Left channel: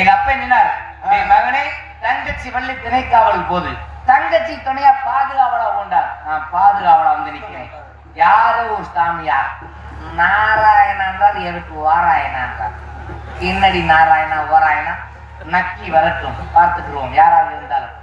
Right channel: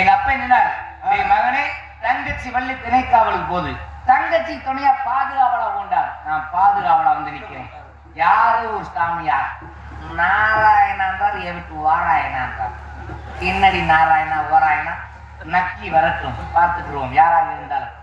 எங்க அப்பா என்னார், என் மகனே தங்கச்சி வள்ளி திணைக்காவல் போது தங்கச்சி துணையா பாதுகாவலா கொண்டார். நான் பாதுகாவலா வந்து நிக்கிறேன். யாரோ ஒரு சாமியா நாராயணன் தான் எனக்கு வாராயணன் என்னடி நாராயணா வாராயணா நக்கி வரட்டும், பார்த்துக்குருவோம் யாராக இருந்தாலும்.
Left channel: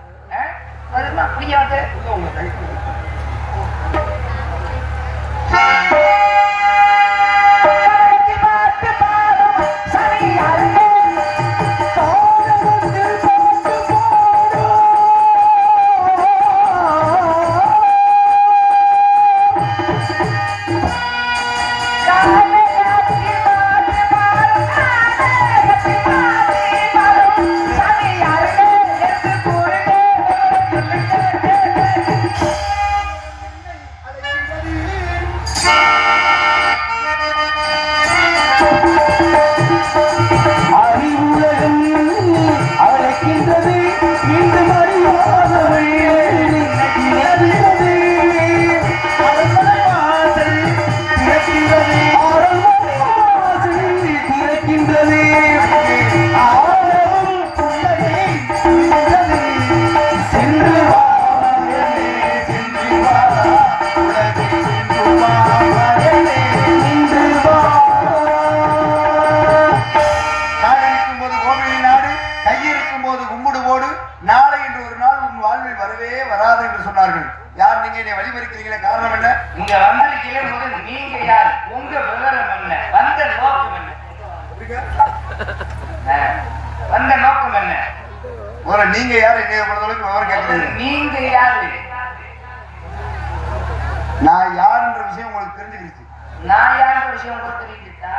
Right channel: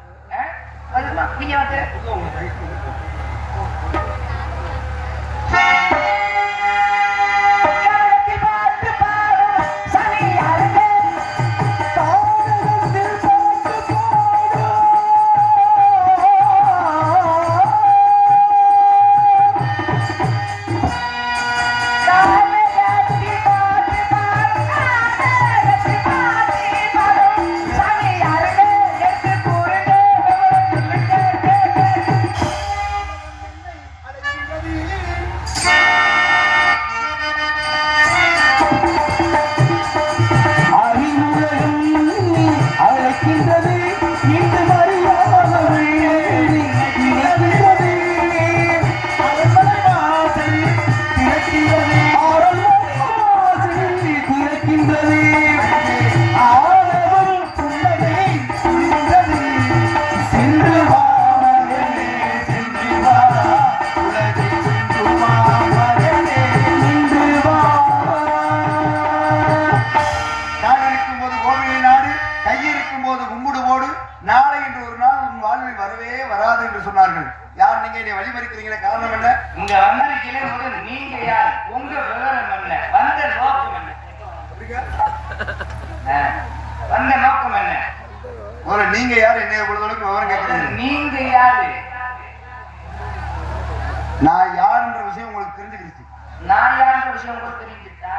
நீங்க யாரு? நீங்க யாரு? நான் யாருன்ற விஷயம் உங்களுக்கு தெரிஞ்சுக்கிச்சு. நான் யாருன்ற விஷயம் உங்களுக்கு தெரிஞ்சுக்கிட்டா?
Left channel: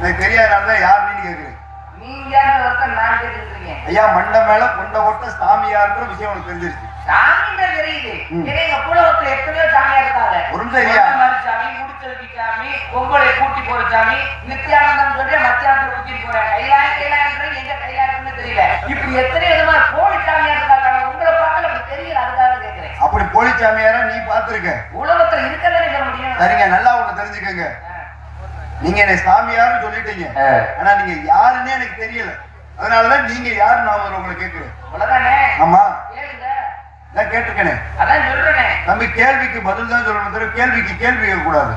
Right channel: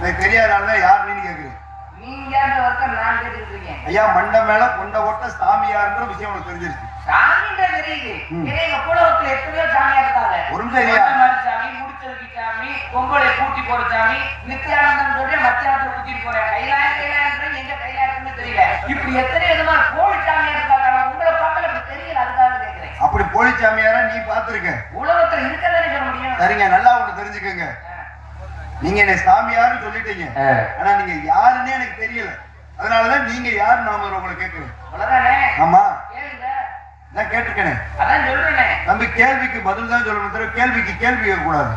எனக்கு தெரியாதனால யாருன்னு கேக்குறேன். நீங்க யாரு வந்து நான் கேட்டுருக்கீங்க. ஐயா மண்ட மேல கொண்ட ஓட்ட சாமியார்ன்ற விஷயம் உங்களுக்கு தெரிஞ்சிருச்சு. சாமின்ற தெரியுது. எனக்கு குலவத்துல எத்தனையோ சாமியா இருக்காங்க. ஒரு தெரியா சாமி, முடிச்சதுக்கு சாமி, பொங்கலை கூட்டி போற சாமி, நித்யானந்தம் சொல்லி மத்தியானத்தை கூட்டிட்டு போறாங்க. கைலாயன்ற எங்க கைலாயம்னு தெரியல. இப்படி எத்தனை விதமா போலி சாமியா இருக்காங்க. உங்களை பார்க்க எனக்கு தெரியல, அதுக்காக கேட்கிறேன். அப்படி போலி சாமியாரா நீ பார்த்திருக்க? உலகத்துல இருக்கதானே சொல்ல முடியும். சரிங்க, நல்லா ஒண்ணு தெரிஞ்சுக்கங்க. நீங்க என்ன சாமியார்னு சொல்லிட்டீங்க, ஆனா நீங்க யாருன்னே எனக்கு தெரியல. அதனாலதான் நீங்க யாரு நான் உங்களை கேட்கிறேன். ஆமா கேட்டிருக்கேன். அதான் சொல்றேன் தம்பி, கேள்விக்கு பதில் தான் சொல்லணும், கேள்விக்கு கேள்வி கேட்கக்கூடாது.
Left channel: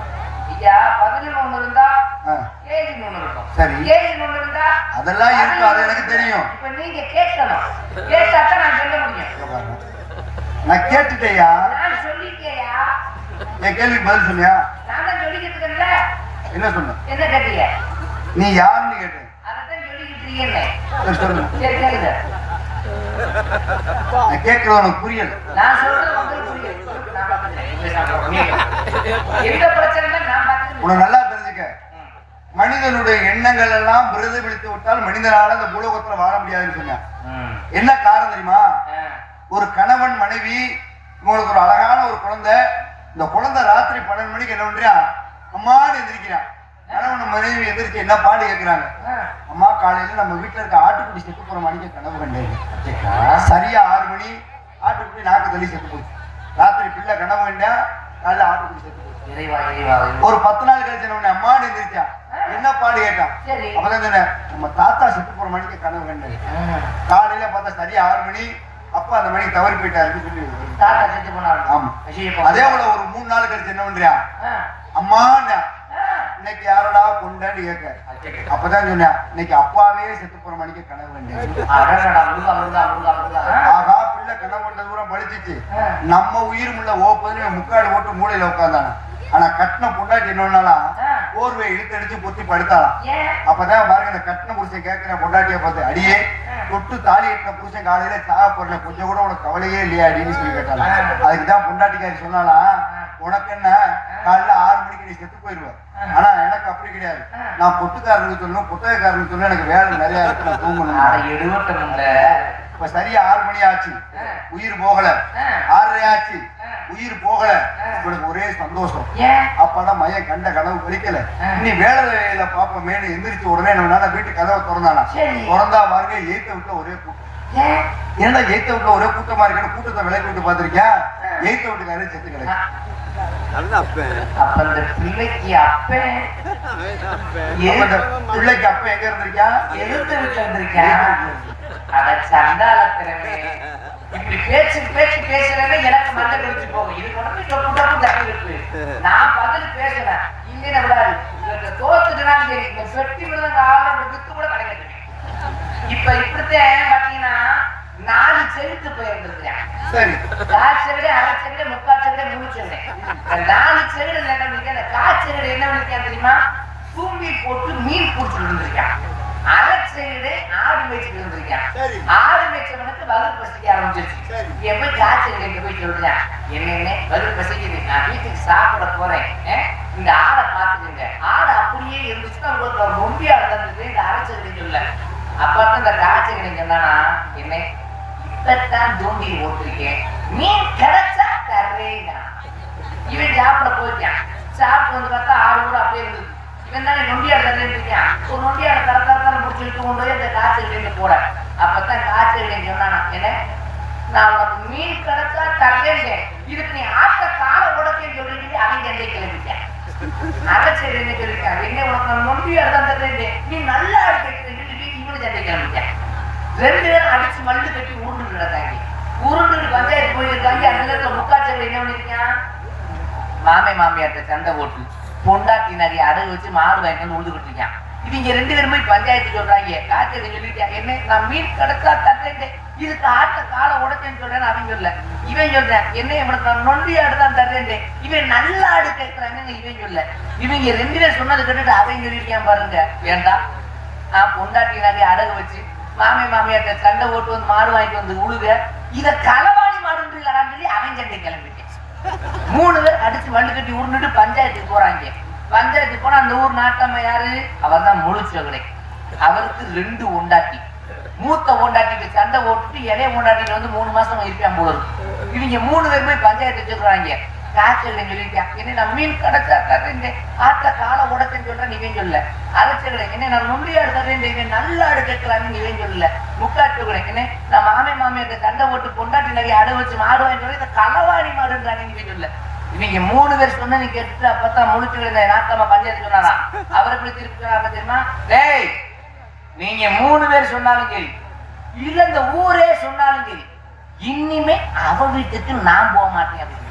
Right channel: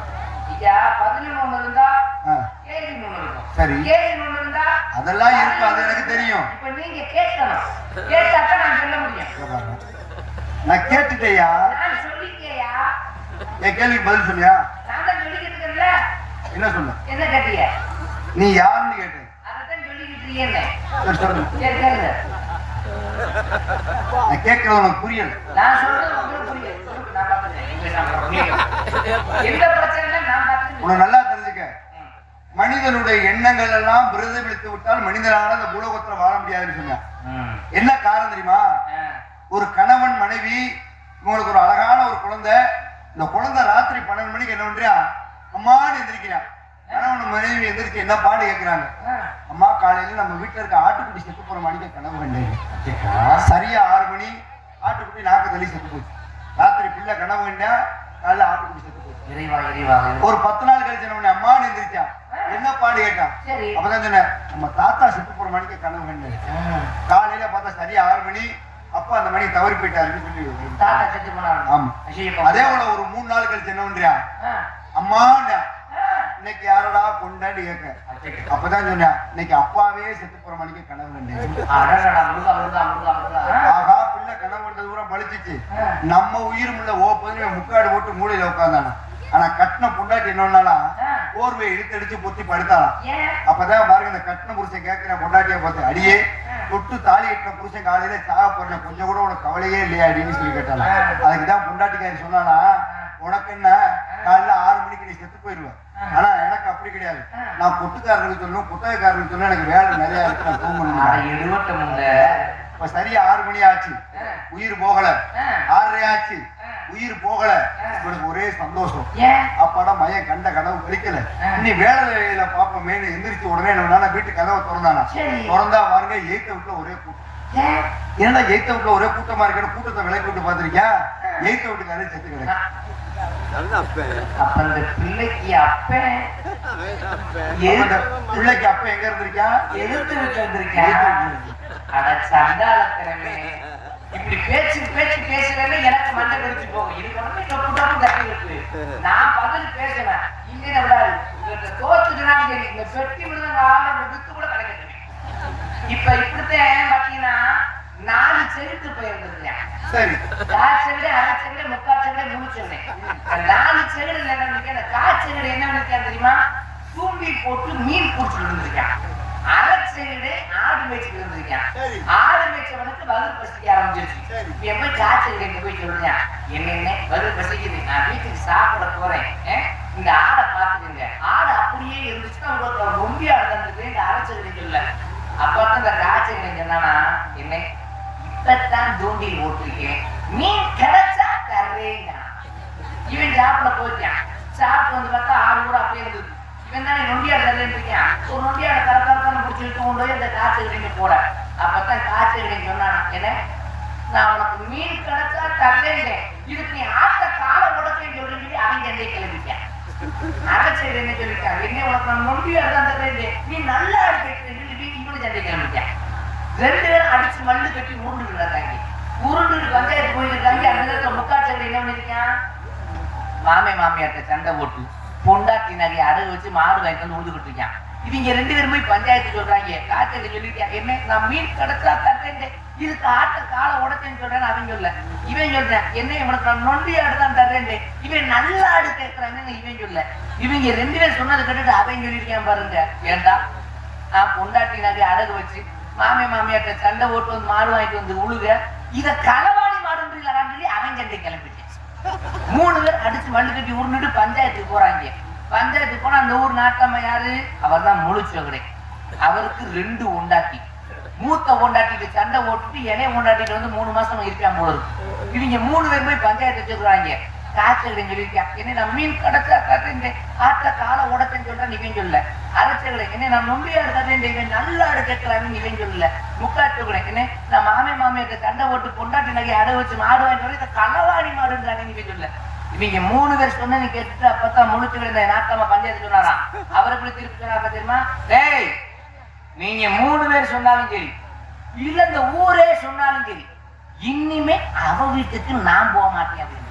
சரி, அதெல்லாம் இருக்கு, அது எனக்கு தெரியும். நான் கேட்டுட்டேயா. என் கேள்விக்கு பதில் சொன்னியா? என்ன சொன்ன? நீ யாருன்னு கேட்டேன். நான் கேட்கறது உனக்கு புரியல. உனக்கு நல்லா தெரிஞ்சுக்க, மனிதனுடைய எண்ணங்கள் எல்லாம் பிரதிபலித்து விட்டால் மனிதனால அந்த உலகத்துல வாழ முடியாதுன்னு சொன்ன. என்ன காரணம் தெரியுமா? ஒரு கணவன் மனைவி, உங்களுக்கு ஒரு அழகான ஒரு குழந்தை, இந்த குழந்தை ராத்திரி 12 மணிக்கு என்ன பண்றியா, அம்மான்னு எந்திரிக்கிறான். கணவன் மனைவி எந்திரிச்சு என்ன பாடு கேட்கிறாங்க, அம்மா காலையில நம்ம வீட்டுல இருக்க ஆட்டுக்குட்டி செத்து போற மணிக்கு கனவு கண்டேன். சரியா 6 மணி ஆட்டுக்குட்டி நாக்கு தள்ளி செத்து போச்சு. ராத்திரி பிள்ளை கனவு கண்டா, காலையில ஆட்டுக்குட்டி செத்து போச்சு. ஒரு 10 நாள் கழிச்சு அம்மான்னு எந்திரிச்சா என்ன பாடு கேட்டான். அப்பதான் சொன்ன, நம்ம தாத்தா செத்து போற மணிக்கு கனவு கண்டேன். காலையில பார்த்தா சரியா 6 மணி, அப்பா அந்த மணிக்கு தவறி போயிட்டாருன்னு சொல்லி. ஆமா, அதே போல ஒரு 3 நாள் கழிச்சு என்ன பண்றியா, அம்மா இன்னைக்கு யாரடா கொண்டாடி கேட்க. அப்பதான் சொன்னேன், இன்னைக்கு அப்பாவே செத்து போற மணிக்கு கனவு கண்டேன். ஆகா, பிள்ளை கனவு கண்ட தூரம் பழிச்சிச்சு. நம்ம உயிர் முள்ள ஓப்பது முக்காடு போட்டு மூளையில உட்காந்தானா. ஆனா கட்டின பொண்டாட்டி என்னன்னாலாம் போர்வை இழுத்து அடிச்சு பொத்தி படுத்தாலாம். அப்பதான் பாருங்க, அந்த கட்டின புருஷன் கேட்கிற பொண்டாட்டிய பார்த்து, அடியே தொட்டு தாலி கட்டின புருஷன் காலையில சாக போடுற கொஞ்சம் கூட உனக்கு கவலையே இல்லையா அப்படின்னு சொல்லி கேட்டாங்க. அதுக்குதான் பொண்டாட்டிக்காரி சொன்னாலாம், உனக்கு என்ன காலையில 6 மணிக்கு நீ செத்து போயிடுவேன். ஆனா எனக்கு அப்படி கிடையாது, நான் பொட்டுக்காரனுக்கு சொல்லணும், புத்தகக்காரனுக்கு சொல்லணும், எனக்கு வேலை நிறைய இருக்கு, நான் தூங்கணும். இப்ப சரியா 6 மணி ஆச்சு, உயிர் போகல. 6:30 ஆச்சு, உயிர் போகல. இவனுக்கு ஒரே சந்தோஷம், அப்பாட மையம் கண்ட கனவு கழிக்கல, நீ வேலையில பாப்போமே எந்திரிச்சு உடனே நம்ம வீட்டு கதவை திறந்தானா. திறந்தா பாருங்க, எய்த்த விட்டு ஒரே கூட்டம். ஏன்னா எய்த்த விட்டு ஒரே கூட்டமா இருக்குன்னு கூட்டத்தை விலைக்கு விட்டு பாத்திருக்கியா? எய்த்த விட்டுக்காரே செத்து கிடையாது. பிள்ளைக்கு அப்பன் எங்க இருந்திருக்கா? எழுத்து இருந்திருக்கேன். இப்படி பேச்சு பேச்சு பேசுறேன்னு எனக்கு மண்டை வெடிச்சு போகும். இது நான் பதில் பேசுறேன், இங்க தோத்துக்குன்னா சரி, இந்த பெட்டி விழுந்த ஆளோட வித்து கூட கிடைக்கிறது. இப்ப இப்படித்தான் பாத்தீங்கன்னா 4 செலுத்து போயிருந்தது. சரி, காய்ச்சல், அரைச்சல், முக்காச்சல், 3 செல்லை. 4 செல்லு என்ன காய்ச்சல் என்ன தெரியுமா? தூம்பி போட்டு மீன் பிடிச்சிட்டு இருந்திருக்கேன். அரைச்சல் ஆடு மேய்ச்சிட்டு இருந்திருக்கேன். ஆடு மேய்ச்சல் வந்து வலு பசிக்க ஆரம்பிச்சிருச்சு. எப்ப காய்ச்சல் என்ன போய் சொல்றேன், என்னன்னு வலு பசிக்குது, நான் வீட்டுக்கு சாப்பிட போறேன், இந்த ஆடை பாத்துக்கங்க. ஆடை அப்படியே இருந்துச்சுன்னா உங்களுக்கு ரொம்ப நடந்தது. இந்த அரைச்சல் சொல்ல அப்பதான் இந்த காய்ச்சல் என்னன்னா, என்ன இப்பதான் தூண்டில் ஓட்டிருக்கேன், மீன் கிடைச்சா தர்றேங்க. இவன் சாப்பிட போச்சான். சாப்பிட்டு வந்து பார்த்தா 6 ரூபா அப்படியே இருந்தது. இவன் தான் நொண்டியார் தரேன்னு இருக்கேன். ஒரு நொண்டியார் தரதான் முடிச்சுட்டு போகும்போது இந்த காய்ச்சல் போறேன். அப்பதான் காய்ச்சல் சொன்னா, என்ன நான் உனக்கு மீன் கிடைச்சா தர்றேங்க, இதுக்கு நீ ஆட்ட கால உடச்சேன்னு சொல்லி அவங்க எந்த கிளம்பிட்டேன். அரைச்சல் என்ன சொல்லிருக்கேன், என்ன உனக்கு நொண்டியார் தான் தர்றேன், நீ நல்லா இருக்கு இவனு சண்டை கிளம்பிட்டேன். 2 பேரும் அடிச்சு மல்லு கட்டி உருண்டுறாங்க. உருண்டு பஞ்சாயத்து போயிருக்காங்க. அந்த முக்காச்சல் என்ன பண்ணிருக்கான், மாமியார்ட்ட சண்டை போட்டு பொண்டாட்டி நகை அடகு வச்சு மாடு வாங்கிட்டு உருந்துகிட்டு இருக்கான். இவங்க 2 பேரும் போய் பஞ்சாயத்து சொல்றாங்க. காய்ச்சல் சொல்லிருக்கேன், என்ன நான் மீன் கிடைச்சா தட்டேன், இதுக்கு ஆட்ட காலை உடச்சேன்னு சொல்றேன்னு அவன் சொல்ல. இவன் சொல்றேன், என்ன இவனுக்கு நான் நொண்டி ஆடுதான் தர்றேன், இவன் நல்லா ஆடு கேட்கிறான்னு இவன் சொல்ல. இவங்க 2 பேரும் சொன்னது கேட்டுட்டு அவன் சொல்லியிருக்கான் பாருங்க. ஏண்டா நான் பொண்டாட்டி நகை அடகு வச்சு மாமியார்ட்ட சண்டை ஓட்டு வந்து மாடு வாங்கிட்டு வந்து உழுக, இத களவாணி மாடுன்னு சொல்லி அவன் சண்டை கிளம்பிட்டேன். 3 பேர் அடிச்சு மண்டு கட்டி உருண்டுட்டு பஞ்சாயத்துக்கு போறாங்க. பஞ்சாயத்துக்கு போனா அந்த ஊர் நாட்டம்மா யாரு, அவர் தான் முழுச்சவரை. அவருக்கு 2 பொண்டாட்டி. மூத்த பொண்டாட்டிக்கு சண்டை ஓட்டுட்டு இளைய பொண்டாட்டிக்கு வந்து 3 மாசம் இருக்கான் போல இருக்கு. இவங்க 3 பேருமே பஞ்சாயத்து வச்சுக்கிறாங்க. காய்ச்சல் சொல்லியிருக்கேன், என்ன நான் மீன் கிடைச்சா தர்றேன், ஆட்ட காலை உடச்சேன்னு சொல்றேன் இவன் சொல்ல. அரைச்சல் என்ன நான் நுண்ணியா எடுத்துறேன், நல்லா எடுக்கலான்னு இவன் சொல்ல. முக்காட்டு என்ன நான் மாமியார்ட்ட சண்டை போட்டு பொண்டாட்டி நகை அடை வச்சு மாடு வாங்கி களவாணி மாடுன்றாங்க இவன் சொல்ல. இவங்க 3 பேர் சொன்னு கேட்டுட்டு அப்பதான் முழுச்சுக்கிற நாட்டமா பஞ்சாயத்து சொன்னாரா. அவருக்கு திருப்பி தெரியுமா, டேய் நீங்க 3 பேர் சொன்னாலும் சரி, இல்ல இந்த ஊரே சொன்னாலும் சரி, இனிமே அவ வீட்டுக்கு நான் போக மாட்டேன் அப்படின்னு.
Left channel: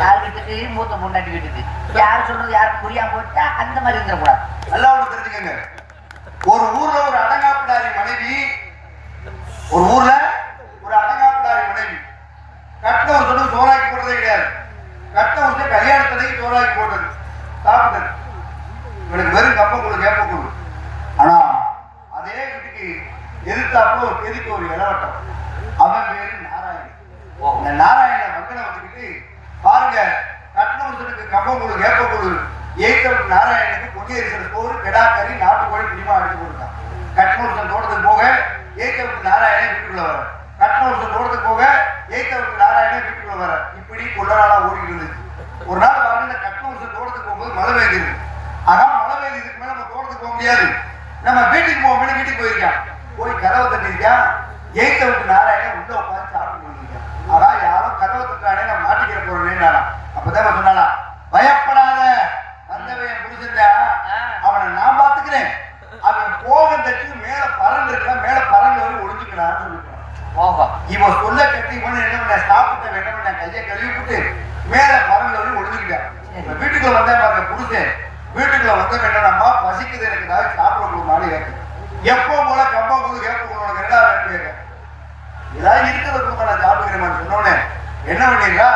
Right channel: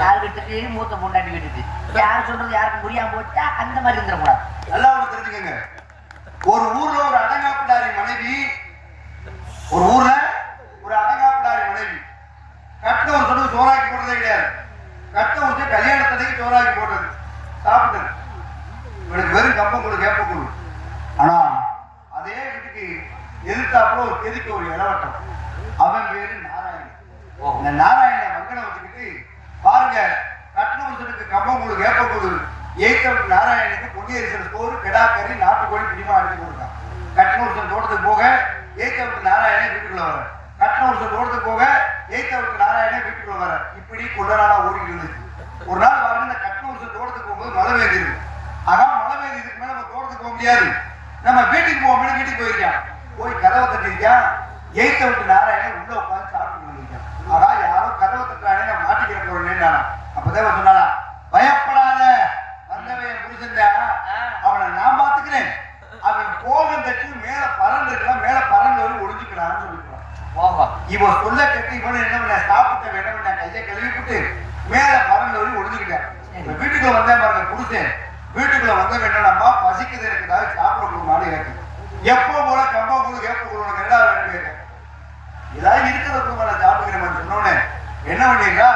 யார் வீட்டுக்கு, மூத்த பொண்டாட்டி வீட்டுக்கு. யார் சொன்னது யாருக்கு புரியாம போட்டா அந்த மாதிரி இருந்துடக்கூடாது. நல்லா ஒண்ணு தெரிஞ்சுக்கங்க, ஒரு ஊர்ல ஒரு அடங்காப்பிடாரி மனைவி, ஒரு ஊர்ல ஒரு அடங்காப்பிடாரி மனைவி கட்ட ஒரு சோறாக்கி போடுறதே கிடையாது. கட்ட ஒரு கல்யாணத்துக்கு சோறாக்கி போடுறது சாப்பிட்டது. இவனுக்கு வெறும் கம்பங்கூழ் கேப்பக்கூழ். ஆனா அதே வீட்டுக்கு எதிர்த்தாப்புல ஒரு எதுக்கு ஒரு இளவட்டம். அவன் பேரு நாராயணன். இந்த நாராயண மகனை வச்சுக்கிட்டு பாருங்க, கட்டணத்துக்கு கம்பங்கூழ் கேப்பக்கூழ் ஏற்றவன் நாராயணனுக்கு பொங்கேரிசல் சோறு கெடாக்கறி நாட்டுக்கோழி பிடிமா அடிச்சு கொடுத்தான். கட்டணூர் தோட்டத்துக்கு போக ஏற்றவன் நாராயணன் வீட்டுக்குள்ள வர, கட்டணூர் தோட்டத்துக்கு போக ஏற்றவன் நாராயணன் வீட்டுக்குள்ள வர. இப்படி கொஞ்ச நாளா ஓடிட்டு இருந்துச்சு. ஒரு நாள் வந்து இந்த கட்டணூர் தோட்டத்துக்கு போகும்போது மழை பெய்யுது. மழை பெய்யுது, இதுக்கு மேல நம்ம தோட்டத்துக்கு போக முடியாது, நம்ம வீட்டுக்கு போவோம்னு வீட்டுக்கு போயிருக்கான். போய் கதவை தட்டிருக்கான். ஏற்றவன் நாராயணன் உள்ள உட்காந்து சாப்பிட்டு இருந்திருக்கான். யாரோ கதவை தட்டானே நான் மாட்டிக்கிற போறேன்னு. அப்பதான் சொன்னானா, பயப்படாத, வந்தவன் புரிஞ்சுட்டா அவனை நான் பாத்துக்கிறேன், அவன் போகத்துக்கு மேல பறந்து இருக்கான், மேல பறந்து வரை ஒழிஞ்சுக்கிறான்னு சொல்லிட்டான். இவன் சொல்ல கட்டி போன என்ன சாப்பிட்ட வேணும் கையை கழுவிட்டு மேல பறந்து வரை ஒழிஞ்சுக்கிட்டேன். வீட்டுக்குள்ள வந்தேன் புடிச்சேன். வீட்டுக்குள்ள வந்த வேண்டாம்மா பசிக்குது, எனக்கு ஏதாவது சாப்பிட கொடுக்கணும்னு கேட்டேன். எப்போ போல கம்போ போது கேட்க கொடுக்கணும் ரெண்டாவது கேட்டேன். ஏதாவது இருக்கிறத கொடுக்க நான் சாப்பிடுக்கிறேன் சொன்னோன்னே என்ன பண்ணிருக்கா,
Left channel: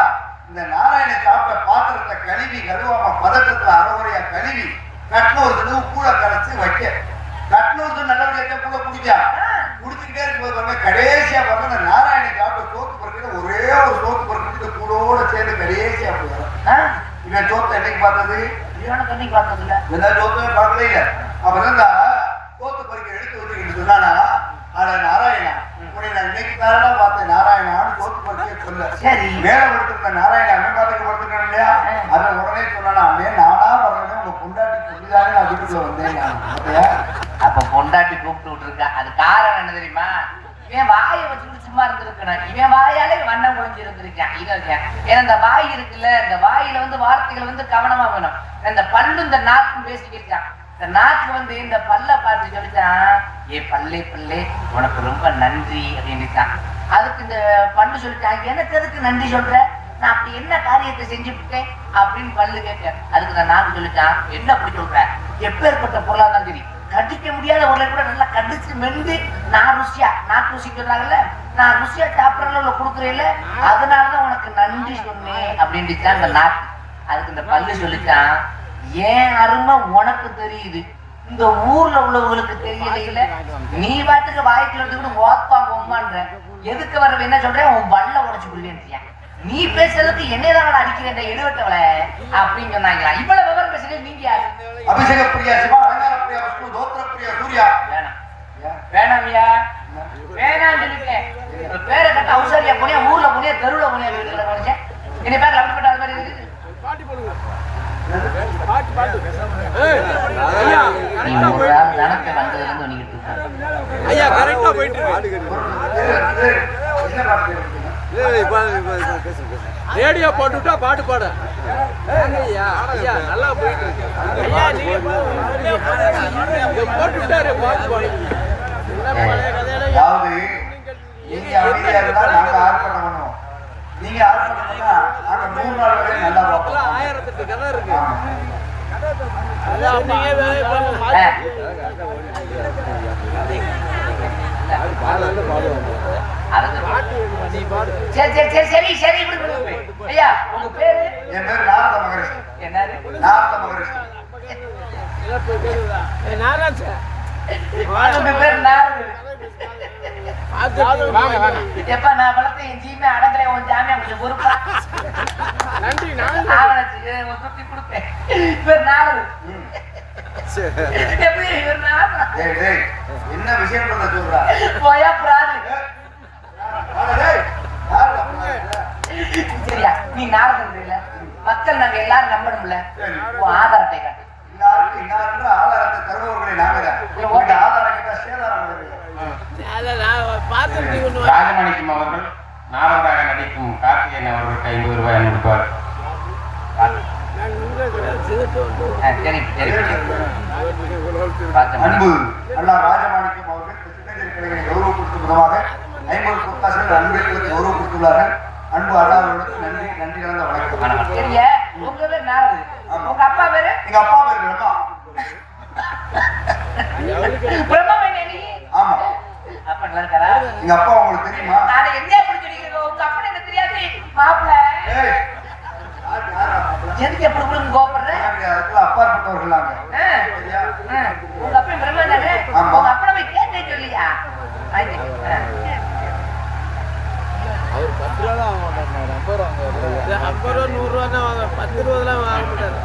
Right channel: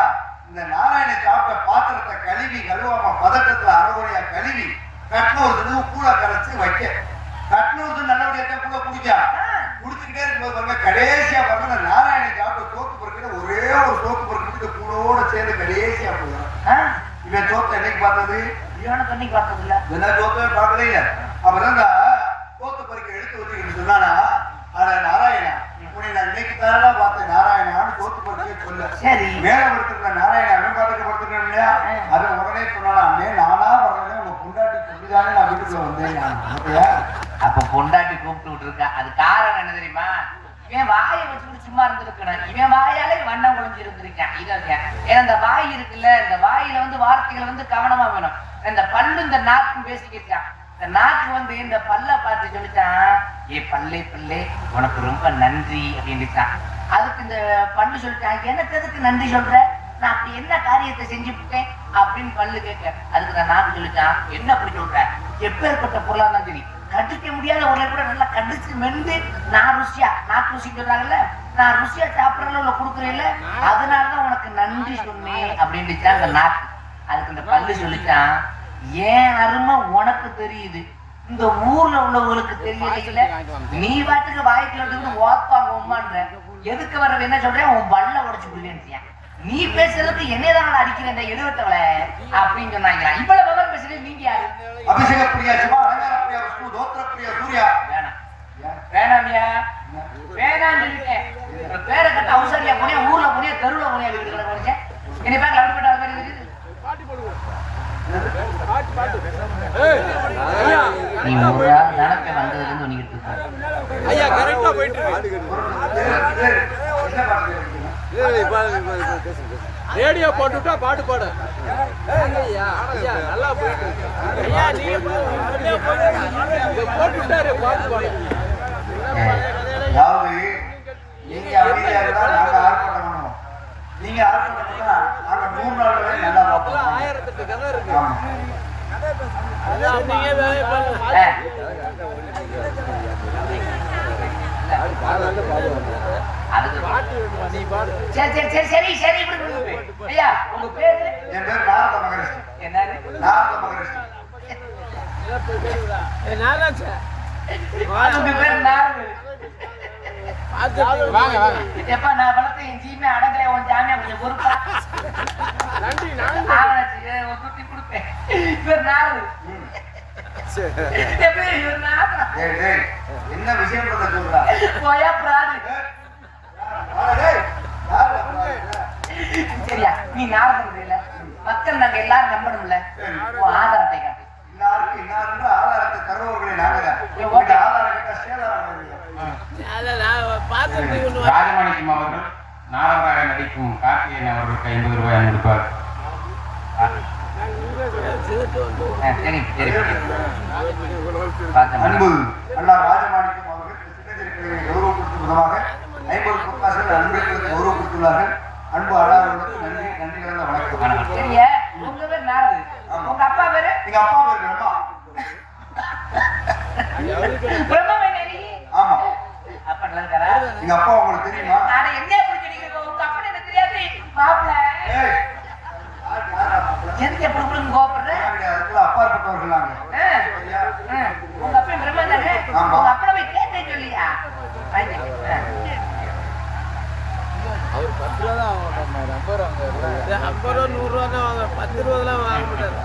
இந்த நாராயண சாப்பிட்ட பாத்திரத்தை கழுவி கழுவாம பதட்டத்துல அறவுரையா கழுவி கட்னூருக்கு கூட கரைச்சு வைக்க. கட்னூருக்கு நல்லபடியா கூட குடிச்சா குடிச்சுக்கிட்டே இருக்கும்போது கடைசியா வந்து நாராயண சாப்பிட்ட சோத்து பொறுக்கிட்டு ஒரே ஒரு சோத்து பொறுக்கிட்டு கூடோட சேர்ந்து கடைசியா போயிடும். இவன் சோத்தை என்னைக்கு பார்த்தது? தண்ணி பார்த்தது இல்ல, எந்த சோத்தை பார்க்கவே இல்லை. அப்பதான் சோத்து பொறுக்கி எடுத்து வந்து சொன்னானா, அட நாராயணா உன்னை நான் இன்னைக்கு தாரா பார்த்தேன் நாராயணான்னு சோத்து பொறுக்கி சொல்ல. சரி மேல கொடுத்துருக்க நாராயண அவன் பார்த்துட்டு கொடுத்துருக்கேன் இல்லையா, அதை உடனே சொன்னா நானா வரேன் உங்க பொண்டாட்டி சொல்லிதான் நான் வீட்டுக்குள்ள வந்தேன். அப்ப பொண்டாட்டி கூப்பிட்டு விட்டுருக்கா. அது காரணம் என்ன தெரியுமா? இவன் வாயை வச்சுட்டு சும்மா இருந்திருக்கணும், இவன் வாயாலே வண்ணம் முடிஞ்சு இருந்திருக்கான். இதை ஏன்னா இந்த வாய் இருக்குல்ல, இந்த வாயில வந்து வார்த்தைகள் வந்து கவனமா வேணும். இந்த பல்லு இந்த நாக்கும் பேசிக்கிட்டான். இந்த நாக்கு வந்து இந்த பல்ல பார்த்து சொல்லிச்சான், ஏ பல்லே பல்லே உனக்கு ரொம்ப நன்றி அப்படின்னுச்சான். அதுக்கு இந்த பல்லு சொல்லிட்டான், எனக்கு எதுக்கு நன்றி சொல்ற, நான் அப்படி என்ன காரியத்தை செஞ்சு விட்டேன் அப்படின்னு பல்லு கேட்க. அதுக்கு நான் நாக்கு சொல்லிட்டான், என்ன அப்படி சொல்ற, எப்பேற்பட்ட பொருளாதான் தெரியும், கடிக்க முடியாத ஒரு கூட நல்லா கடிச்சு மென்று நான் ருசியா நாக்கு ருசி சொல்றாங்கல்ல, நான் ருசியா சாப்பிடறதுல கொடுக்குறேன்ல, அதனாலதான் உனக்கு நன்றி சொன்னேன் அப்படின்னுச்சான் அந்த நாக்கு. அதுக்கு இந்த பல்லு சொல்லிச்சான், ஏன் அருமை உனக்கு தெரியுது, இந்த ஊர்ல உள்ளவங்களுக்கு தெரியல, நீ பாட்டுக்கு வாய்க்கு ஓத்தாங்க உமான்ற, எதுக்கு வர என்ன சொல்றேன், உன் பல்ல உடைச்சு விடுவேன், நீ பேசுறதுக்கு என்னதான் அடிக்கிறேன் எழுவட்டவள அப்படின்னு சொன்னாங்க. இவ்வளவு விவரம் பேசுறது நீங்க யாரு? அபிஷேக பிரியா, சிவாபிரியா, தோத்திர பிரியா, சூர்யா. வேணாமியா வேணாம் சொல்லிட்டேன். பேரை கட்ட அவசரியா புனியா, ஊர்ல புனியா, தெருவுல புனியா, வீட்டுல புனியா, இனி பேர் அப்படி கட்டாத மாதிரி இருக்குது. ஐயா கரெக்டா போயிட்டு ரேடியோ போட்டுட்டா பாட்டு பாட. ஐயா ஐயா நல்லா போயிட்டு ஐயா, நீங்க போட்டுட்டாரு பாட்டு பாட. நீங்க 1008 கதை இருக்கு. நீங்க வேலை பண்ணுங்க. சரி ஐயா, உங்க பேரு? என் பேரு நாரத மகரிஷி. நாரத மகரிஷி. உங்க பேரு நாரத. எப்ப நான் வளர்த்த என் ஜீமே அடங்கலை, உன் ஜாமியா உங்களுக்கு பொறுப்பா? நன்றி சுத்தி கொடுப்பேன். பேர் நாரது. என்ன விஷயம் சொல்றா? போயா பிராடு. சரியா, நீ நாரதம் இல்ல, மக்கள் நாங்க எல்லாரும் நம்பணும்ல, ஆதார் அட்டை காட்டு. ஆதாரத்தை தருவவர்களை நாங்க ஆதாரம் கிட்ட சேதாரம். ராஜமாணிக்கம் அவர்கள் நாடகாக நடிக்கும் கார்த்திகேயன் அவர்களுக்கு 50 ரூபாய் அனுப்புவார். அன்பு அண்ணா ராஜமாணிக்கம் அவர்கள் கௌரவ கொடுத்ததாக 50 பொற்காசுகள் அன்பர்களுக்கு கௌரவ கொடுத்துள்ளார்கள். அன்பு அண்ணாவர்களுக்கு நன்றி, நன்றி கலந்த வணக்கம். சரியா, உங்க பேர் நாரது, உங்க அப்பா பேரு? எங்க அப்பா பேர் பிரம்மா. பிரம்மா. ஆமா, அப்பா நல்லா இருக்காரா? எங்க அப்பா உங்களுக்கு தெரியுமா? நான் என்ன அப்படி சொல்லிக்கிறேன், உங்க அப்பா எனக்கு தெரியாது. மாப்பிள்ள ஏய், எதுக்கு எப்படி கூட கோபப்படுற அதுக்குள்ள அப்பாற்பட்டவர்கள் நாங்க. உங்க அப்பா பிரம்மாண்டமே ஆமா. உங்க அப்பா போய் கேட்டே சொல்லியா அவர் 10 ரூபா தான் வாங்க மாட்டார், 50 ரூபா வாங்க. 50 ரூபா 100 ரூபா தான் வாங்க, 10 ரூபாலாம் வாங்க மாட்டார்.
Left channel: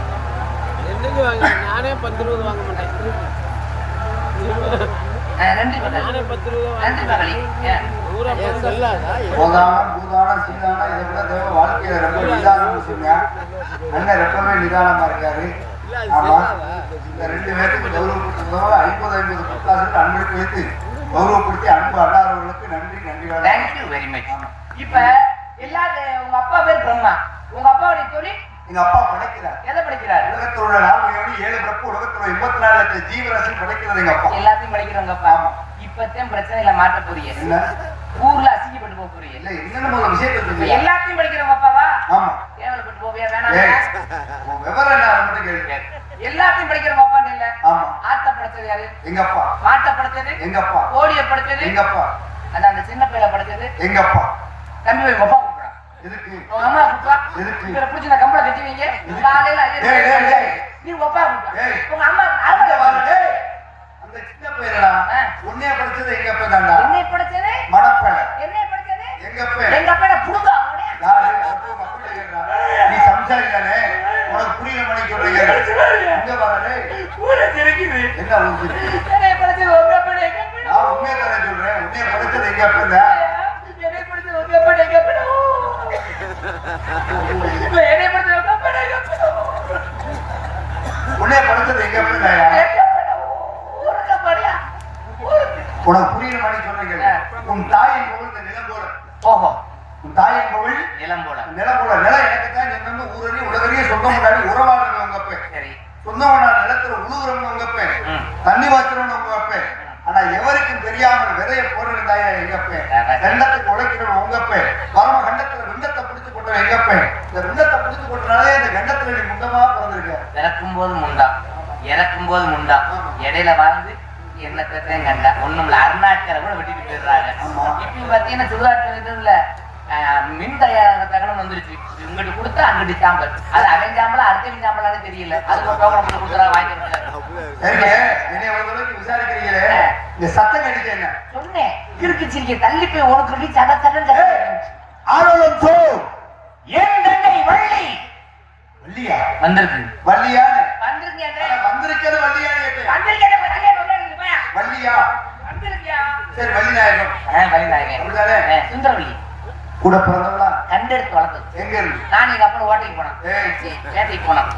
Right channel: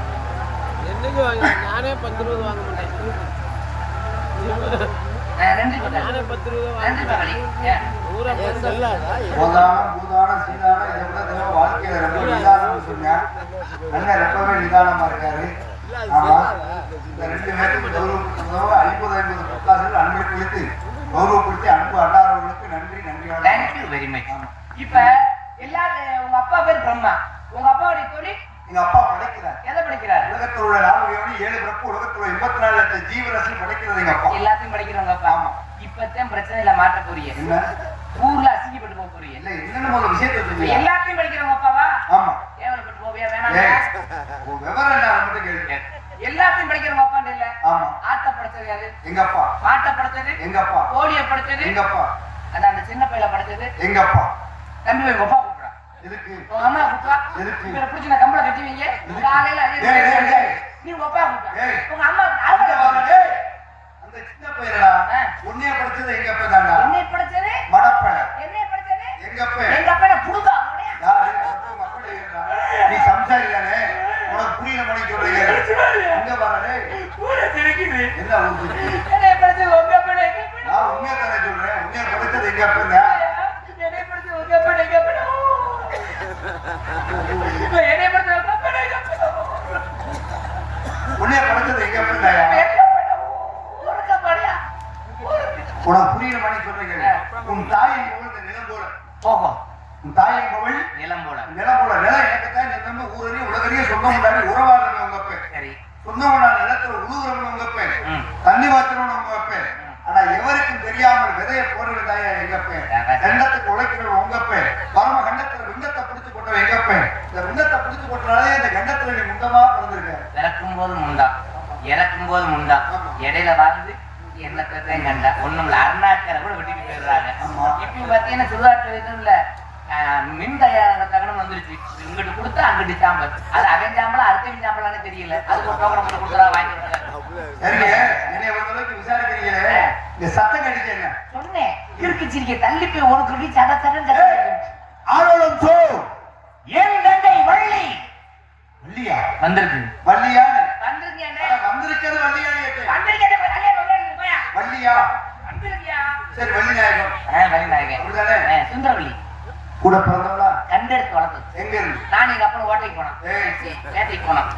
என்னைக்கு வாங்க, நானே 10 ரூபா வாங்க மாட்டேன். நன்றி நானே 10 ரூபா வாங்க நன்றி மாட்டேன். மகளே ஊரா செல்லாதா? பூதானம், பூதானம், சீதானம், இதை கூட தேவை. வாழ்க்கையில ரொம்ப நிதானம் சொல்லுங்க. அண்ணன் எப்பவுமே நிதானமா இருக்காரு. இல்ல அது ஆமா. செல்லாதா? இந்த 2 பேருக்கு கௌரவம் 50 புத்தாசுக்கு அன்புக்கு வைத்து கௌரவப்படுத்தி அன்பு அண்ணாரவர்களுக்கு நன்றி நன்றிகள். Thank you very much. இப்ப எல்லாரும் உங்க அப்பா பேர் பிரம்மா, உங்க அப்பாவுடைய தொழில் எங்க அப்பா படைக்கிறார். எதை படிக்கிறாரு? உலகத்தில் உள்ள 7 பிறப்பு, உலகத்தில் உள்ள 24 லட்சம் ஜீவராசி படைக்கிறது எங்க அப்பா. எல்லாத்தையும் படிக்கிறவங்க அப்பா. இப்பத்தான் பிரச்சனையில மாட்ட போறீங்க, என்ன? ஊர்ல அசிங்கப்பட்டு போக போறீங்க. இல்ல, இன்னும் ஒரு விஷயத்தை சொல்லுங்க. எல்லாத்தையும் படிக்கிறவங்க அப்பாவா? ஆமா. கேவலப்பட்டு போவியா? ஏய், வேணாம். உன் விவரம் என்ன மட்டும் கேளுங்க. எல்லாத்தையும் படிக்கிறவங்க அப்பா இல்ல. ஆமா. ஆட்ட படுத்தது யாரு? எங்க அப்பா. பாட்டை படுத்தது எங்க அப்பா. கோழியை படுத்தது எங்க அப்பா. அதான் அந்த சின்ன பையில படுத்தது எங்க அப்பா. தம்பி போய் அப்பா கூப்பிடுறான். எதுக்கு? உங்க அம்மா கூப்பிடுறா. எதுக்கு? இவரை பிடிச்சி நான் கம்பளை கட்டி வைங்க. காலையில டேய், டேய், டேய். நீ அப்பா கூப்பிடுற. ஏய். உங்க அம்மா அங்க வாங்க, டேய். அந்த சின்ன பையனா உன்னைய படிச்சது எங்க அப்பா தான்டா. என்னை படுத்தது மடப்பைய. என்னை படுத்தது எங்க அப்பா. எங்க அப்பா புடுவா அவனே. யாரு? உங்க அப்பா கேக்குறா. நீ சம்சாரி தானே, உனக்கு புரியல மணிக்கு சொல்லுங்க. இங்க வர, டேய். ஊரை தெரிக்குது. என்ன உங்களுக்கு? என்னை படுத்தது உங்க அப்பா எங்க அப்பா. நான் உண்மையை தானே சொல்றேன். உன்னைய படிச்சது எங்க அப்பா இல்ல. என்னை படுத்தது உங்க அப்பா எங்க அப்பா. என்னை படுத்தது உங்க அப்பா எங்க அப்பா. உன்னைய படிச்சது எங்க அப்பா இல்ல. ஊருக்கு படியா. உனக்கு புரியல மணிக்கு சொல்றீங்க. உன் தாயின் போல் இந்த நிலம் போல. ஓஹோ, உன் தாயின் போல் நிலம் போல. நிலம் போல. நிலம் எனக்குத்தான் நீ வந்து ஊரடி உலகறிய சொந்தம் உறவாடுறவங்க உங்க அப்பா. சரி. சொந்தவனா நிலத்துல உழுகுறவங்க உங்க அப்பா. தண்ணி வாய்ச்சறவங்க உங்க அப்பா. ஆனா எவருக்கும் தெரியாமல் விதைய போடுறது தாயா எங்க அப்பா. ரெண்டத்துக்கு உழைக்கிறவங்க உங்க அப்பா. பரம கண்டத்துல விண்டத்தை பிடிச்சு கொண்டவன் எங்க அப்பா. இந்த விண்டத்தை பிடிச்சு கொண்டனாலே இந்த கண்டத்துல நீ முண்டமா பிறந்திருக்க. பிறக்கும் போது முண்டா, இறக்கும் போது முண்டா, இடையில வாழ்ந்து என்ன பிரச்சனையும் கண்டா ஒண்ணும் அருணாச்சல கூட வெட்டிட்டு போயிடுறாங்க. இப்ப பாத்தீங்கன்னா திருவாரூர் இதுல மின் தயாராக தகவல் வந்துருச்சு. இங்கிட்டு கொடுத்தா அங்கிட்டு சாம்பல், அது அவன் சாம்பல் அடுத்த சாம்பலான்னு தெரியல. அது வாங்கி சரிங்க, என்னை அளவுக்கு விசாரிக்கிறீங்களே, இந்த சத்தம் கட்டிட்டு என்ன சொன்னேன். கிறுக்கு சிரிக்க தள்ளி போய் உனக்கு சட சட ஆனலம் சோ ஏன் நண்டை வள்ளி வள்ளியா வந்திருக்கு. வள்ளியா வந்திருக்கேன் வந்திருக்கிறது வள்ளியா கேட்டேன். வள்ளியா சரி வள்ளிநாயகம் வள்ளிநாயகன் சுந்தரவள்ளி கூட பிறந்தவளா கண்டெடுத்து வளர்த்தது. எங்க இருந்து நான் எங்க அப்பா ஓட்டைக்கு போனோம், ஏய். வேட்டைக்கு போனோம்.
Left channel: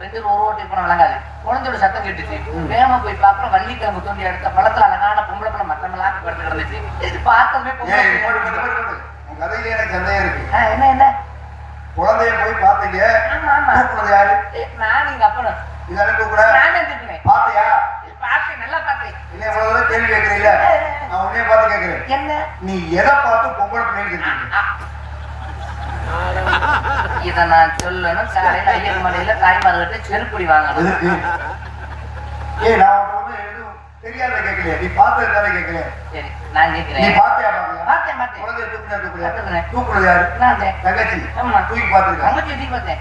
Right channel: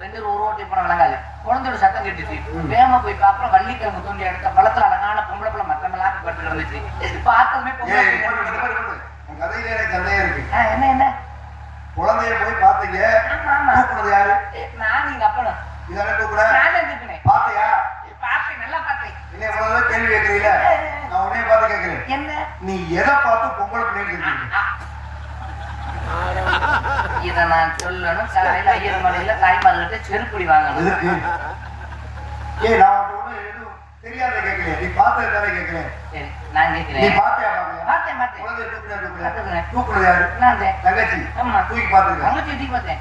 ரெண்டு ஒரு ஓட்டைக்கு போனோம்லாங்க. குழந்தையோட சத்தம் கேட்டுச்சு. வேகமா போய் பார்ப்போம், வள்ளிக்கிழங்கு தோண்டி எடுத்த பழத்த அழகான பொம்பளை போய் மத்தவங்களாம் படுத்து வந்துச்சு. பார்த்ததுமே ஏய் உன் கதையிலே எனக்கு சந்தேகம் இருக்கு. என்ன என்ன குழந்தைய போய் பாத்தீங்க, ஆமா ஆமா கூப்பிடுறது யாரு? நான் எங்க அப்பா இதை அனுப்ப கூட நான் இருந்துக்கிறேன். பாத்தியா? பார்த்தேன், நல்லா பார்த்தேன். என்ன முதல்ல கேள்வி கேட்கறீங்களா? நான் உடனே பார்த்து கேட்கிறேன். என்ன நீ எதை பார்த்து பொம்பளை பிள்ளைங்க இருக்கீங்க? இதை நான் சொல்லணும். காலையில 5 மணில தாய்மார்கிட்ட செருப்புடி வாங்கணும். எதுக்கு? ஏய் நான் உன்கிட்ட ஒண்ணும் எதுவும் தெரியாத கேட்கலையா? நீ பார்த்தது தானே கேட்கலையா? சரி, நான் நீ கேட்கிறேன். பார்த்தியா பாக்கலையா? பார்த்தேன் பார்த்தேன். குழந்தைய தூக்குனா பார்த்துக்கிறேன். தூக்குறது யாரு? நான் தங்கச்சி ஆமா. தூக்கி பார்த்துருக்க. தங்கச்சி தூக்கி பார்த்தேன்.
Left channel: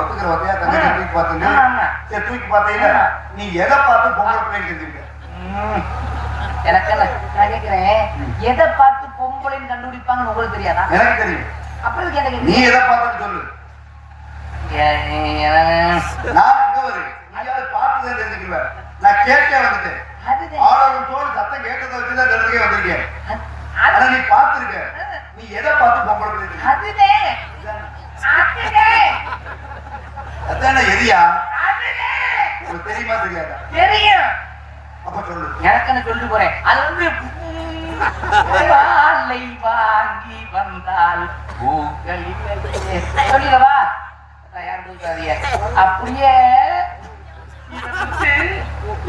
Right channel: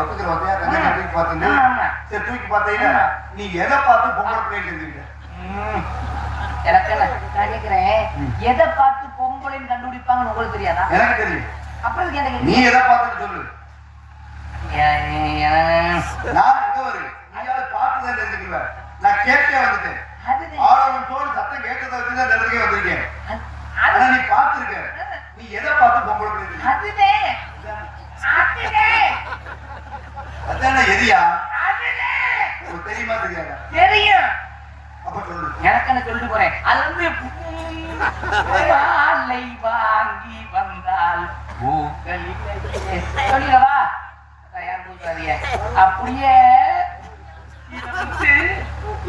ஒத்துக்கிற வந்தியா? தங்கச்சி தூக்கி பார்த்தீங்க. ஆமா. சரி தூக்கி பார்த்தீங்கன்னா நீ எதை பார்த்து பொம்பளை பிள்ளைங்க இருக்கீங்க? எனக்கு என்ன? நான் கேட்கிறேன், எதை பார்த்து பொம்பளைன்னு கண்டுபிடிப்பாங்கன்னு உங்களுக்கு தெரியாதா? எனக்கு தெரியும். அப்புறம் நீ கேட்டீங்க. எதை பார்த்து சொல்லு. நான் எங்க வருது? நீ அதை பார்த்து தான் தெரிஞ்சுக்குவேன். நான் கேட்டே வந்துட்டேன். அதுதான். ஆளும் சோறு சத்தம் கேட்டதை வச்சுதான் தெரிஞ்சுக்கே வந்திருக்கேன். ஆனா நீ பார்த்திருக்க. நீ எதை பார்த்து பொம்பளை பிள்ளை இருக்கீங்க? அதுதான். அதுதான். அதானே எதியா? அதுதான். உனக்கு தெரியுமா தெரியாதா? தெரியும். அப்ப சொல்லு. எனக்கு என்ன சொல்லிட்டு போறேன். அது வந்து வாழை வாங்கி வந்தால் பூக்கள் இல்லையே. சொல்லிடவா? தயார் தூக்காதீங்க. அப்படியே இருந்துச்சு.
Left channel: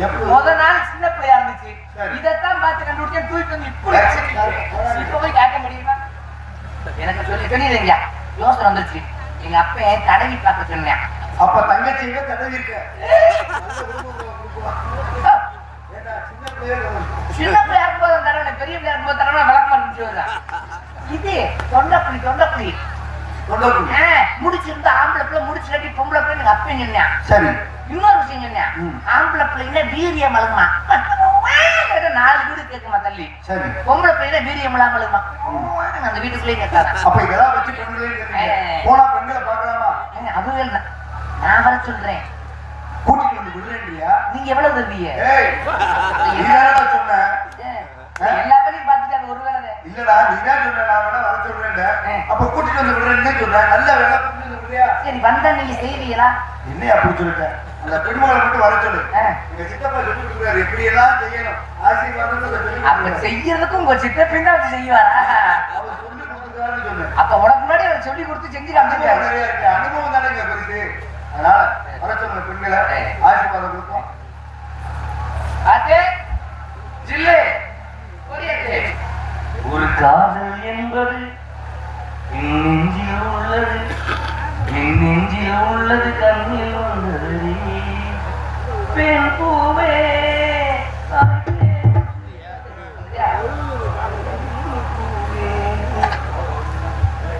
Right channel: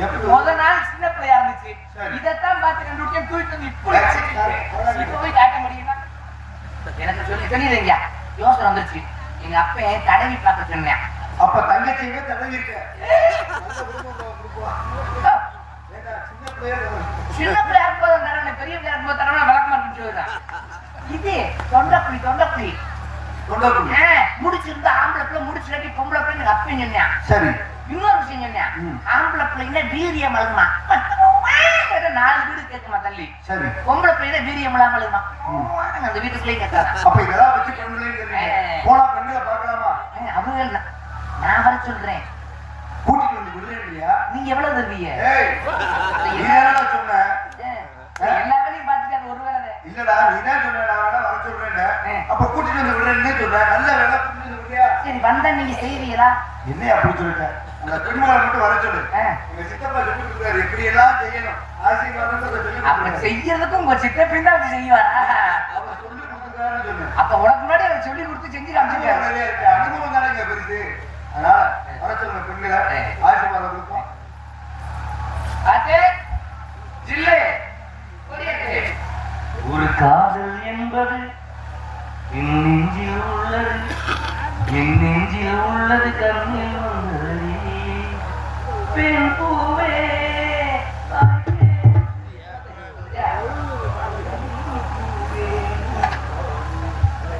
எப்படி? முத நாள் சின்ன பிள்ளையா இருந்துச்சு. சரி. இதைத்தான் பார்த்து கண்டுபிடிச்சேன். தூக்கிட்டு வந்து இப்படி வச்சிருக்கீங்க. இப்ப போய் காட்ட முடியுமா? எனக்கு சொல்லிடுங்க. யோசனை வந்துருச்சு. எங்க அப்ப தடவி பார்க்க சொன்னேன். அப்ப தங்கச்சி எங்க தடவி இருக்க? ஏண்டா, சின்ன பிள்ளையா இருக்கணும். சின்ன பிள்ளையா இருக்கும்போது தடவை, பெரிய பிள்ளையா இருக்கும்போது தடவை விளக்கமா இருந்துச்சு. இது தொண்டப்புளி தொண்டப்புளி முடிச்சிருந்தா ஆம்பளை பிள்ளை முடிச்சு கட்டி பொம்பளை பிள்ளை எனக்கு அப்ப சொன்னேன். சரி இன்னொரு விஷயம் சொன்னேன், ஆம்பளை பிள்ளைங்க வீரியம் அழுமா 4 வீடு கேட்குமா தள்ளி, சரி பொம்பளை பிள்ளைங்க வீரியம் இல்லாம அழுமா அந்த வீட்டுக்குள்ளேயே கேட்காத. அப்ப இதெல்லாம் வச்சு போனா பெண்களை பார்க்கலாமா? அது நான் வர சொல்றேன், கூட்டிட்டு வந்து விடுறேன் இல்லையா? நீங்க எவ்வளவு தருவீங்க? சொன்ன எல்லா வேலையும் பார்த்துட்டு அது ஒரு வேலை இல்லடா, நீதான் சொன்ன வர சொல்றேன். அப்ப கூட்டிட்டு வந்து விடுறேன்னு சொல்றேன். நல்ல வேலை புரிஞ்சு இல்லையா? சரி வந்தா நீங்க செய்வீங்களா? என்ன அப்படி சொல்லிட்டேன், அந்த பெண்மகளை மட்டும் வர சொல்லு. எங்க சித்தப்பா சொல்லி கொடுக்குறாரு எப்படி எல்லாம் செய்யணும், ஆசீர்வாதம் அப்ப செய்யறதுக்கு உங்க சித்தப்பா தான் செய்வாரா? அவர் சொல்லி கொடுத்துருக்காருன்னு சொல்லு. அப்ப உனக்கு முன்னாடி அவர் சொல்லி கொடுத்து செஞ்சு அனுபவம் நிறைய இருக்கு, அனுபவம் தானே இங்க பெருசு. அதனால வர சொல்லுங்க பெண்களை, ஆசீர்வாதம் கொடுக்கும். பாத்து ஜில்லே ஒரு காதல் என்பது என் நெஞ்சில் உள்ளது, என் நெஞ்சில் உள்ளது, கண்ணில் உள்ளது பெண் பூவே.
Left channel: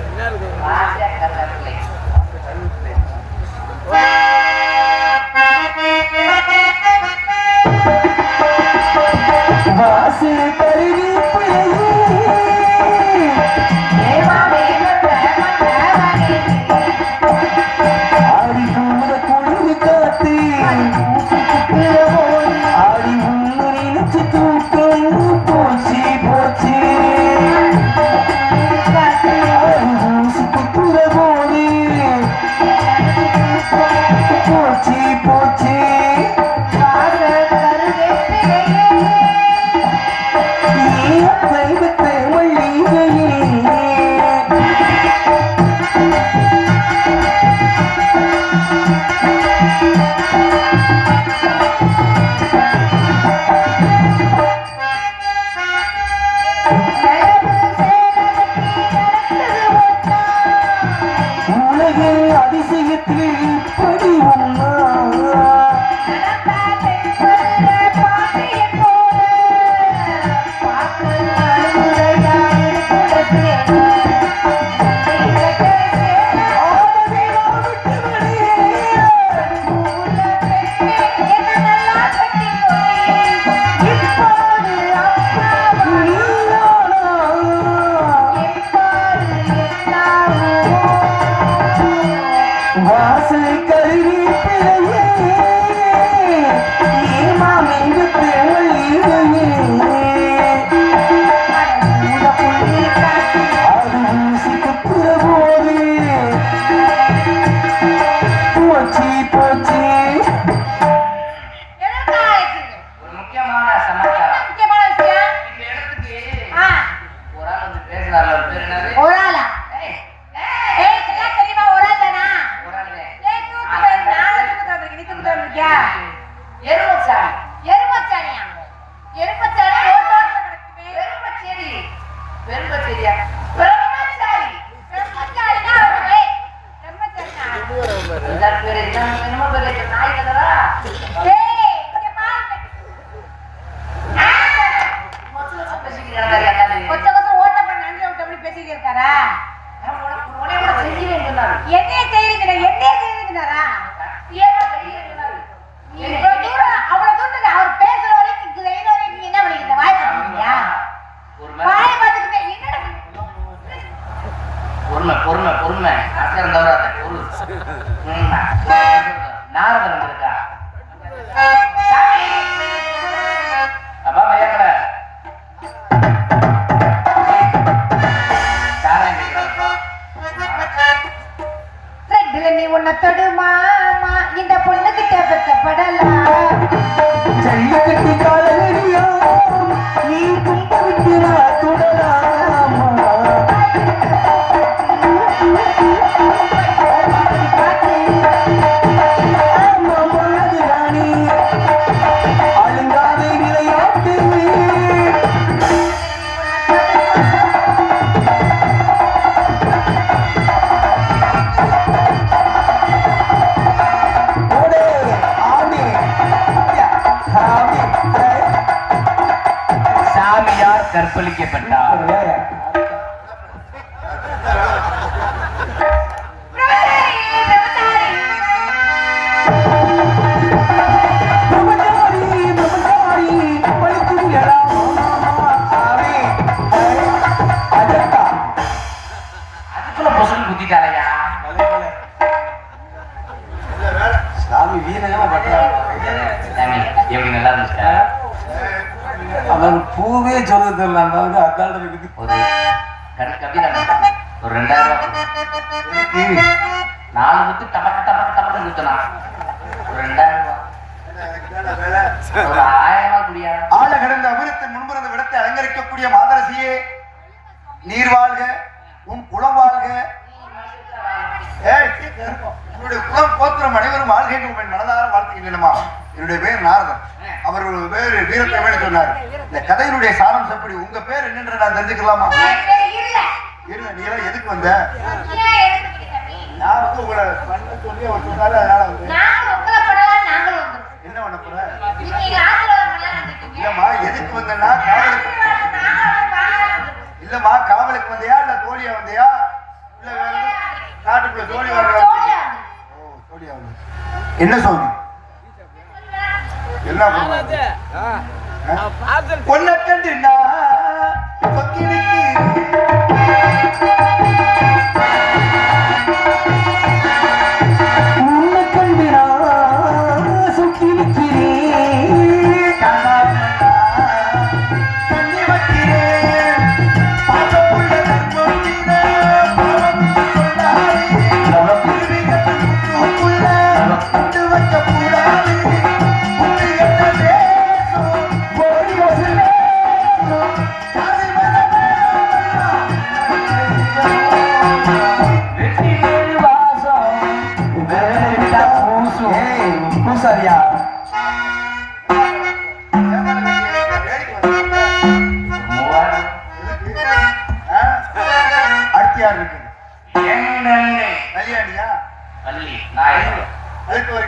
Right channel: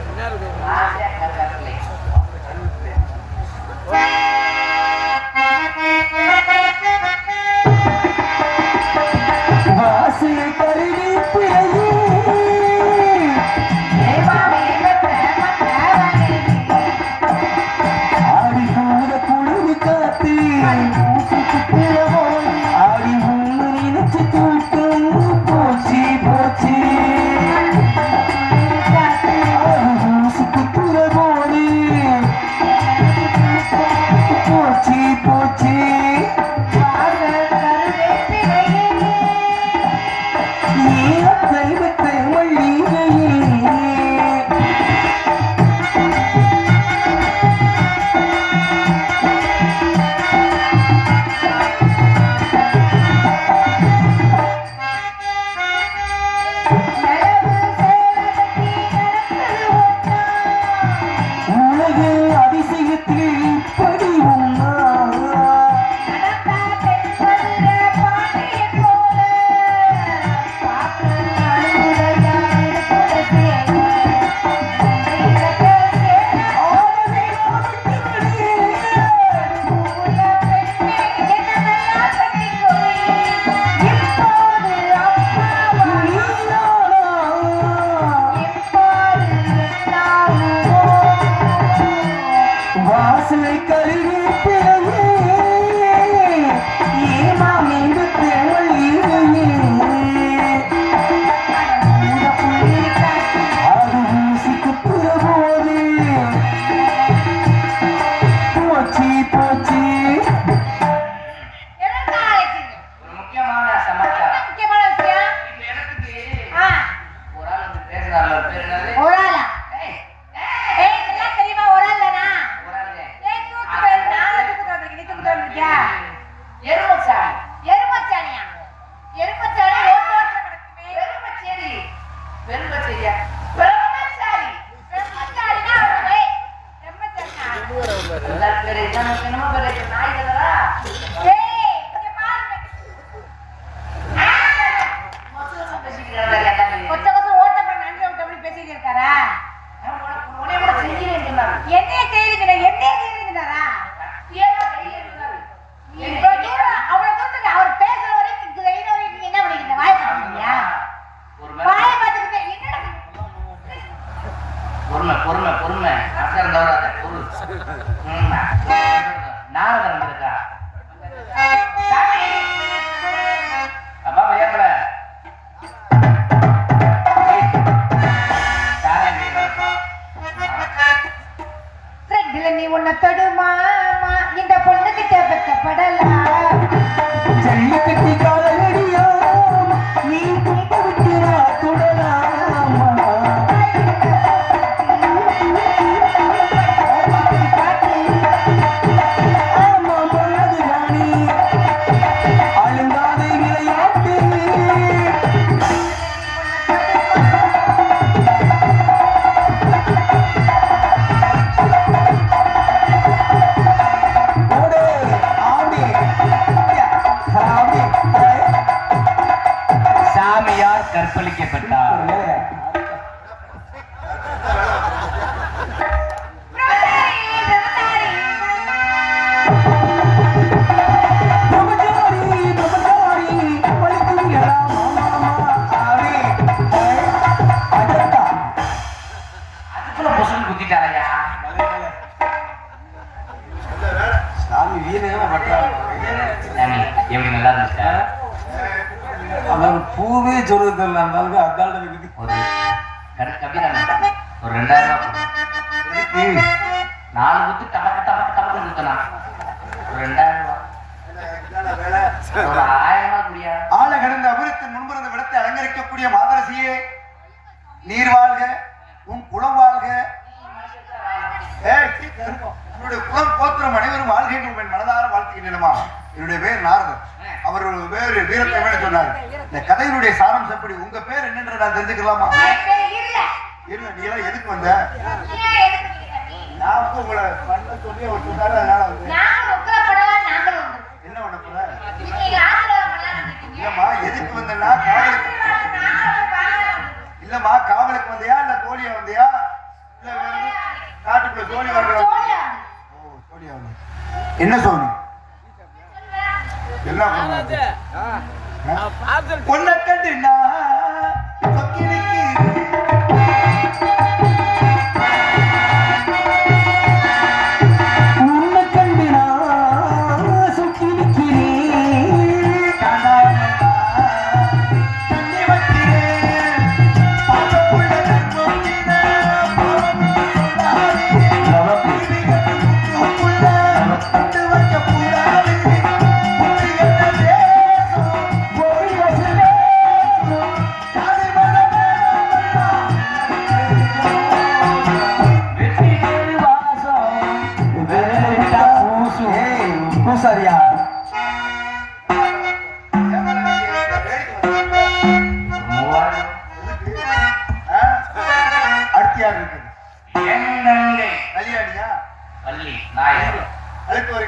என்ன இருக்கும் சாமியா புசுல புசுன்னு குத்திட்டாளையா. சாமி வீரங்க எப்படி நல்லா இருந்துச்சா? அவன் பூவே சொல்லுது இல்லை அந்த அளவுக்கு அதால இருக்கு. ஒரு கவிதை ஒரு 2000 4 குத்து டபக்கு டபக்கு டபக்கு குத்துனா ஒரு 2000 ஒரு 1000 குடியா. ஆழ கிடந்த அமிர்தத்தின் முன்புறந்த விடத்தை அலங்கரிக்கக்கூடிய மாதரசியே, நீர் வாழ்க, உன் குலம் வாழ்க. என்னுடைய குலம் கோத்திரம் அனைவரும் வாழ்கை என்று மனதார வாழ்த்துகின்றனமா. என்னுடைய பேர் நாரதன். அவர் ஒரு பேர் வீரத்தை வேட சொன்னார். இந்த கதையினுடைய சாரம் எப்படி? உங்க பேர் என்னென்று நான் தெரிஞ்சுக்கலாமா? இருங்க, நீ எல்லாம் எதுக்கு வந்த? நான் வந்து உங்களை பண்ண சொல்லி அவர் சொன்னாரு, அதனால வந்து என்ன பண்ண போற? இல்லம்மா, எதுக்கு வந்தேன்னா இல்லம்மா, காவலுக்கு வந்தியா இல்ல தோழியா வந்தியா இல்ல வேற காட்டுக்குள்ள தோழி வர? ஓ, தோழியா வந்து என்ன சொன்னீங்க? என்ன ஆனது. பார்த்து கொல்ல கண்டு நான் சொக்கிருக்கு. உன்னை கண்டு நான் சொக்கிருக்கிறேன். தண்ணி வைக்கிறேன். பட்டு வைக்க கூடாது. பூசாரியா அடுத்து யார் இருக்கு? என்னங்க கல்யாணியா? பள்ளி நாய் அடுத்து ஒரு